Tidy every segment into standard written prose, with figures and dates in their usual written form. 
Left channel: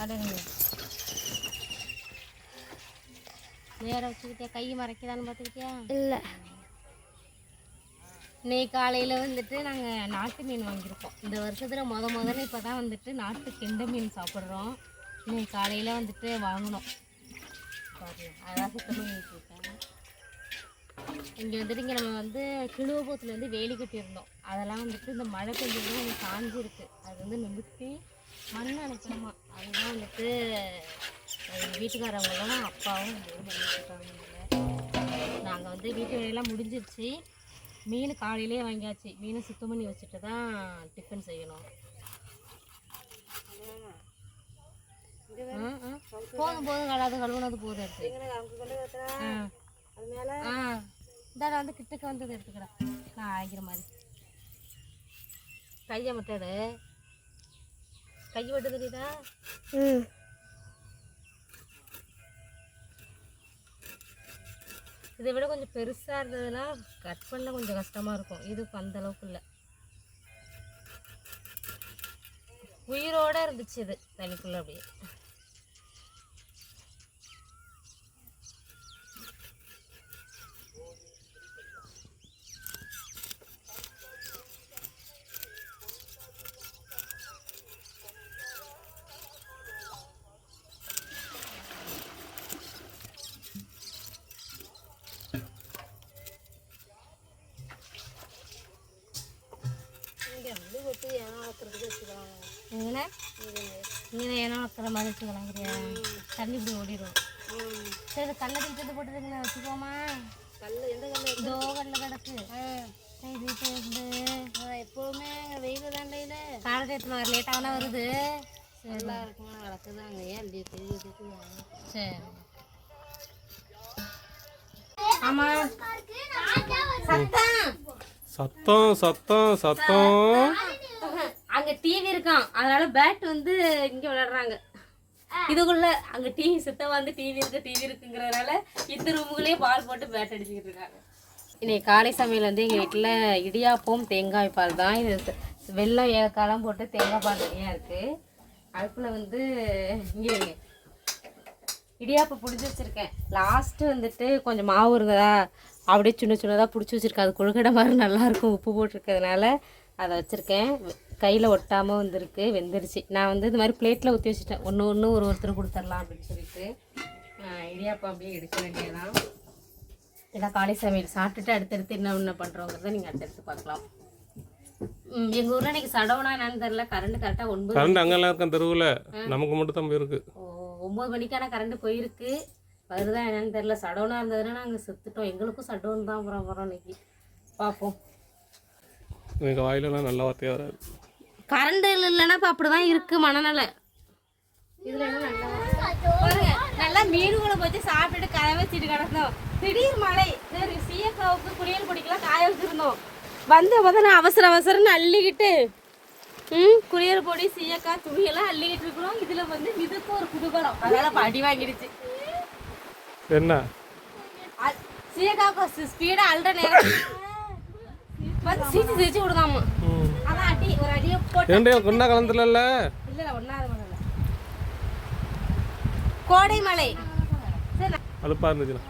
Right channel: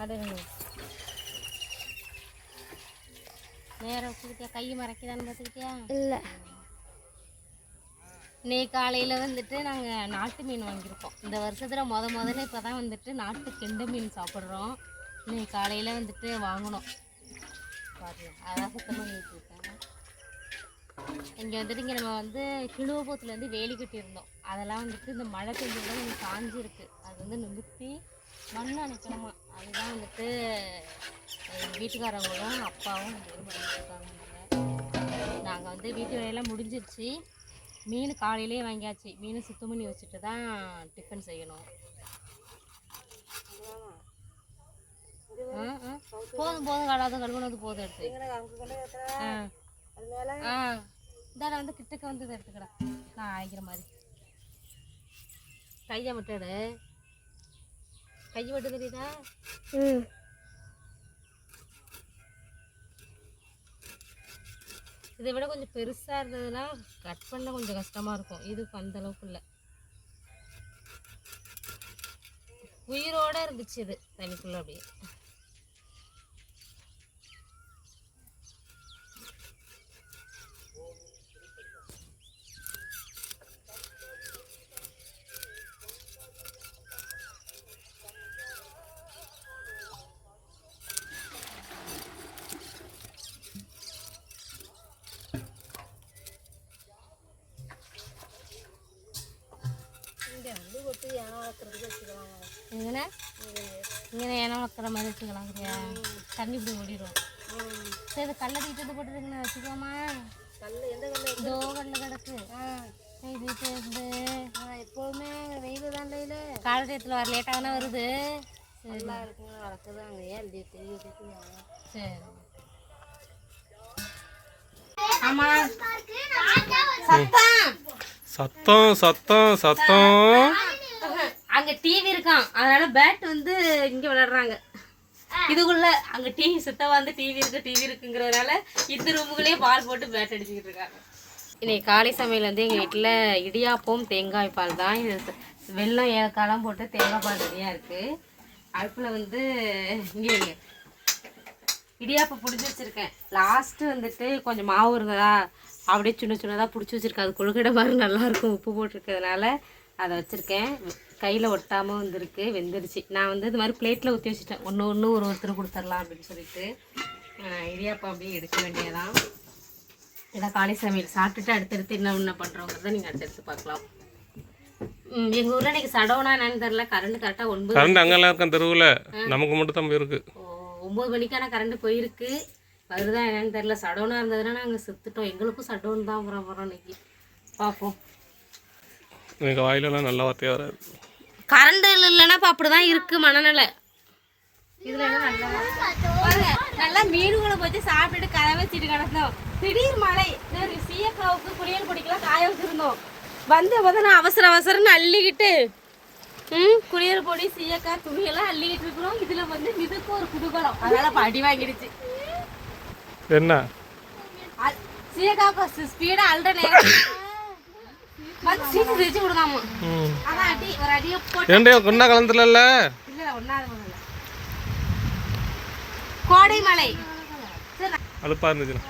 அப்படிங்க நேரம் வச்சுக்கிட்டியா? கை மறைக்கிறான்னு பார்த்துக்கிட்டியா? இல்லை. இன்னைக்கு காலையில் வந்துட்டு நாங்கள் நாட்டு மீன் வாங்கியிருக்கோம். இந்த வருஷத்தில் முதல்ல இப்போ தான் வந்துட்டு நாட்டு கெண்டை மீன் சாப்பிட்றோம். இன்னைக்கு காலையில் வந்துட்டு வாங்கினோம். பாருங்க அதான் சுத்தம் பண்ணிட்டு இருக்கேன். இங்கே வந்துட்டு இங்கே நம்ம வந்து கிழுவப்பூத்துலேருந்து வேலி கட்டியிருந்தோம். அதெல்லாம் வந்துட்டு இந்த மழை பெஞ்சதுல கொஞ்சம் காஞ்சிருக்கு. அது வந்து நிமித்தி மண் அணைக்கணுமா. அதுதான் வந்துட்டு எங்கள் வீட்டுக்காரவங்களும் அப்பாவும் இது பண்ணிட்டு இருக்காங்க. நாங்கள் வந்து வீட்டு வேலையெல்லாம் முடிஞ்சிருச்சு. மீன் காலையிலே வாங்கியாச்சு. மீனை சுத்தம் பண்ணி வச்சுட்டு தான் டிஃபன் செய்யணும். போதும் கழுவுனது போதும் எடுத்து இதாக வந்து கிட்டக்க வந்தது எடுத்துக்கடா. நான் ஆகிற மாதிரி கையை மட்டும் எடு. கை விட்டு தெரியுதா? இதை விட கொஞ்சம் பெருசாக இருந்ததுன்னா கட் பண்ண கொஞ்சம் கஷ்டமாக இருக்கும். இது அந்த அளவுக்கு இல்லை. உயிரோடு இருந்துச்சு இது தண்ணிக்குள்ளே அப்படியே. இங்கே ஏன்னா வைக்கிற மாதிரி வச்சுக்கலாங்கிறியா? தண்ணி இப்படி ஓடிடும். சரி கல்லை தூக்கிட்டு போட்டுருக்குண்ணே வச்சுக்கோமா. கல் எந்த கல்? இதோ கல்லில் கிடக்கு. தூக்கிட்டு இருந்து எப்போவுமே வெயில் தான் இல்லை. காலை டயத்தில் வர லேட்டாகனா வருது. சரிலா இருக்குங்க வளர்க்குது. அங்கே ஏன் தெரியுது. சரி ஆமாம். சத்தம் சத்தம் சத்தம். அங்கே டிவி இருக்கான். அதனால பேட் வந்து இங்கே விளையாடுறாங்க. இதுக்குள்ள அங்கே டிவி சுத்தமாக வந்து டிவி இருக்குங்கிறதுனால இந்த ரூமுக்குள்ளேயே பால் போட்டு பேட் அடிச்சுக்கிட்டு இருக்காங்க. இன்னைக்கு காலை சமையல் வந்து எங்கள் வீட்டில் இடியாப்பம் தேங்காய் பால் தான். இது வெள்ளம் ஏலக்காயெல்லாம் போட்டு தேங்காய் பால் நிறையா இருக்குது. அடுப்பில் வந்து இங்கே இடியாப்பம் பிடிச்சி வச்சுருக்கேன். லாஸ்ட்டு வந்துட்டு கொஞ்சம் மாவு இருந்ததா அப்படியே சின்னதாக பிடிச்சி வச்சுருக்கேன். அது கொழுக்கடை மாதிரி நல்லாயிருக்கும் உப்பு போட்டிருக்கிறதுனால அதை வச்சுருக்கேன். கையில் ஒட்டாமல் வந்துருக்கு, வெந்துருச்சு. நான் வந்து இது மாதிரி பிளேட்டில் ஊற்றி வச்சுட்டேன். ஒன்று ஒருத்தர் கொடுத்துடலாம் அப்படின்னு சொல்லிட்டு இடியாப்பம் அப்படியே எடுக்க வேண்டியதான். இதான் காலை சமையல் சாப்பிட்டுட்டு அடுத்தடுத்து என்ன பண்ணுறோங்கிறத நீங்கள் அடுத்தடுத்து பார்க்கலாம். எங்கள் ஊரில் இன்றைக்கி சடவுனா என்னன்னு தெரில. கரண்ட் கரெக்டாக 9 கரண்ட் அங்கெல்லாம் இருக்கேன் தெருவில். நமக்கு மட்டும் தான் போயிருக்கு. 9 மணிக்கான கரண்ட் போயிருக்கு. வருதா என்னன்னு தெரில. சடவுனாக இருந்ததுன்னா நாங்கள் செத்துட்டோம். எங்களுக்கும் சடவுன் தான் போகிறோம் இன்னைக்கு. பார்ப்போம். எங்கள் வாயிலெல்லாம் நல்ல வார்த்தையாக வராது. கரண்ட் இல்லைன்னா இப்போ அப்படி தான் இருக்குது மனநிலை. இதில் என்ன நல்லா பாருங்க. நல்லா மீன் குழம்பு வச்சு சாப்பிட்டுட்டு காய வச்சுட்டு கிடந்தோம். திடீர் மழை. சீயக்காவுக்கு குளியல் குடிக்கலாம் காய வச்சுருந்தோம். வந்து போது நான் அவசரம்னு அள்ளிக்கிட்டு குளியல் பொடி சீயக்காய் துணியெல்லாம் அள்ளிக்கிட்டு இருக்கிறோம். இதில் வந்து இதுக்கு ஒரு குடும்பம். அதனால் படி வாங்கிடுச்சு. என்ன சீயக்காவுக்கு ஸ்பீடாக அல்ற நேரம் வந்து சீட்டு வச்சு விடுதாமா. அதான் அடி ஒரு அடியை போட்டு ஒன்றா கலந்துல இல்லை ஒன்றாவது கோடை மலை அழுப்பாக இருந்துச்சுண்ணா.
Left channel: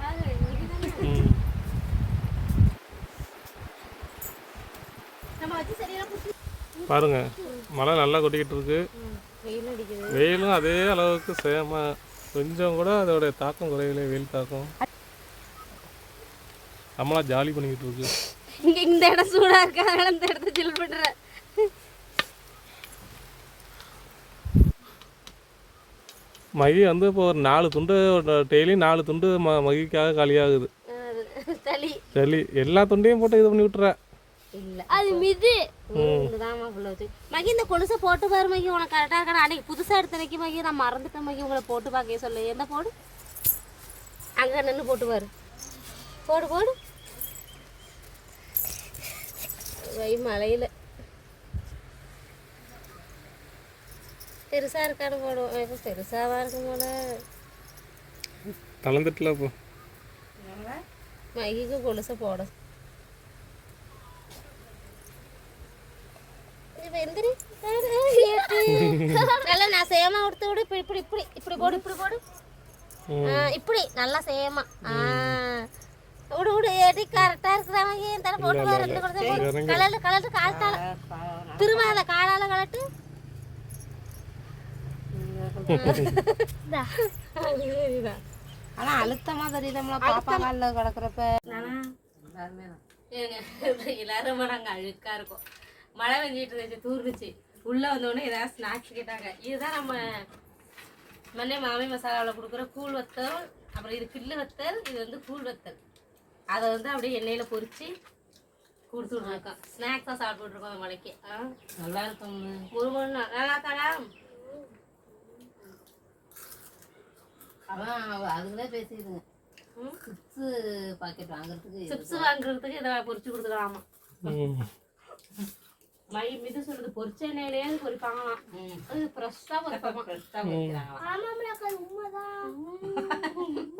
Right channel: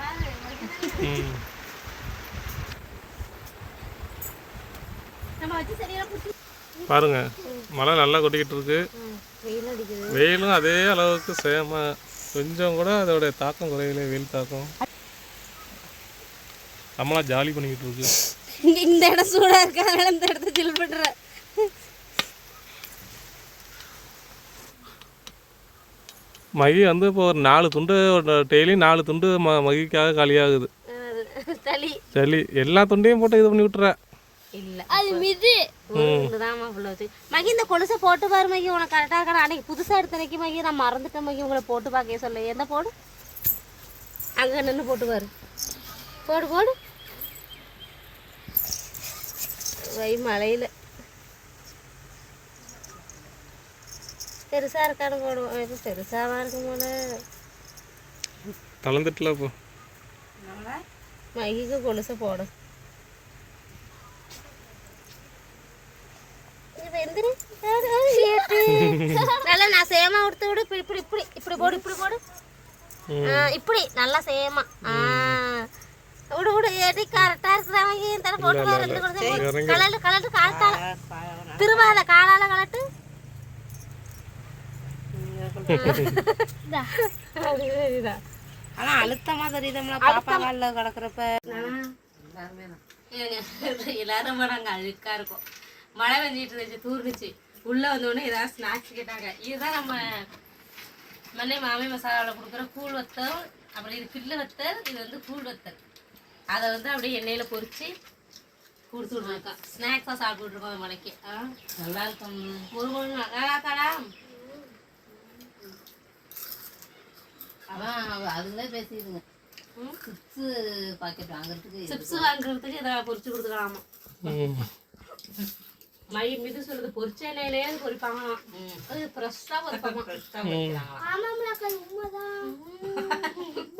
பாருங்க மழை நல்லா கொட்டிக்கிட்டு இருக்கு. வெயிலும் அதே அளவுக்கு சேம. கொஞ்சம் கூட அதோடைய தாக்கம் குறையல. வெயில் தாக்கம் நம்மளா ஜாலி பண்ணிக்கிட்டு இருக்கு. இந்த இடம் சூடா இருக்கு, அதனால இந்த இடத்த ஜில் பண்ற. மகி வந்து இப்போ ஒரு 4 துண்டு டெய்லி 4 துண்டு மகிக்காக காலியாகுது. சளி எல்லா துண்டையும் போட்டு இது பண்ணி விட்டுற. இல்ல அது மிது இதுதான்மா புள்ளது. மகி இந்த கொலுசை போட்டு பாரு மகி. உனக்கு கரெக்டாக இருக்கா? அன்னைக்கு புதுசாக எடுத்தனைக்கு மகி நான் மறந்துட்டேன் மகி. உங்களை போட்டு பார்க்க சொல்ல. என்ன போடு அங்கே நின்று போட்டு பாரு. போடு வை மழையில் பெருசாக இருக்கான்னு போடுவோம். பெருசாக தான் இருக்கும் போல. கலந்துட்டுல இப்போ மகிக்கு கொலுசை போடும். இது எந்திரி நல்லா நான் சேமா கொடுத்து விடு. இப்படி இப்படி இப்படி இப்படி போடு, இப்படி போடு. இப்படி நல்லா சேமா. விடு விடு, எடி கரெக்டா இருக்கிறவங்க தர போட்டு கலட்டு கலட்டு கால்த்தால திருவாத காலால கலட்டு. ஆனா அழுத்தமா தெரியுதும்ல பாப்பா காலில் கிடக்குறப்ப. எல்லாரும் நாங்கள் அழுக்கா இருக்கும். மழை பெஞ்சிட்டு இருந்துச்சு, தூர்ந்துச்சு. உள்ள வந்தோடனே ஏதாவது ஸ்நாக்ஸ் கேட்டாங்க. இதுதான் நம்ம மண்ணே மாமி மசாலாவில் கொடுக்குற கூழ் வத்தல். அப்புறம் இது கில்லு வத்தல், இது வந்து கூழ் வத்தல். அதை வந்து அப்படியே எண்ணெயில் பொரிச்சு கொடுத்து விட்ருக்கோம். ஸ்நாக்ஸாக சாப்பிட்டு இருக்கோம் மலைக்கு. நல்லா இருக்கும். முருகன் நல்லா தாடா. அவன் அதுங்களே பேசிடுங்க. சிப்ஸு பாக்கெட் வாங்குறதுக்கு சிப்ஸ் வாங்குறதுக்கு இதை பொரிச்சு கொடுத்துக்கலாமா. மிது சொல்றது பொரிச்ச எண்ணெயிலே பொரிப்பாங்களாம். அது ஃப்ரெஷ்ஷாக பொரிப்பாங்க.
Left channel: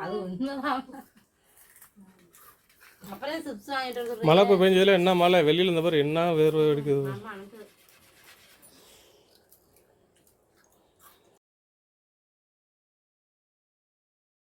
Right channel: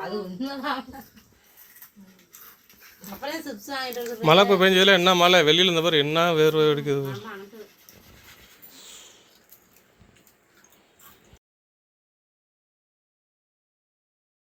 அது உண்மைதான். அப்புறம் சிப்ஸ் வாங்கிட்டு மழை இப்போ பெஞ்சதுல என்ன மழை வெளியில் இருந்த பாரு என்ன வேர்வை அடிக்குது.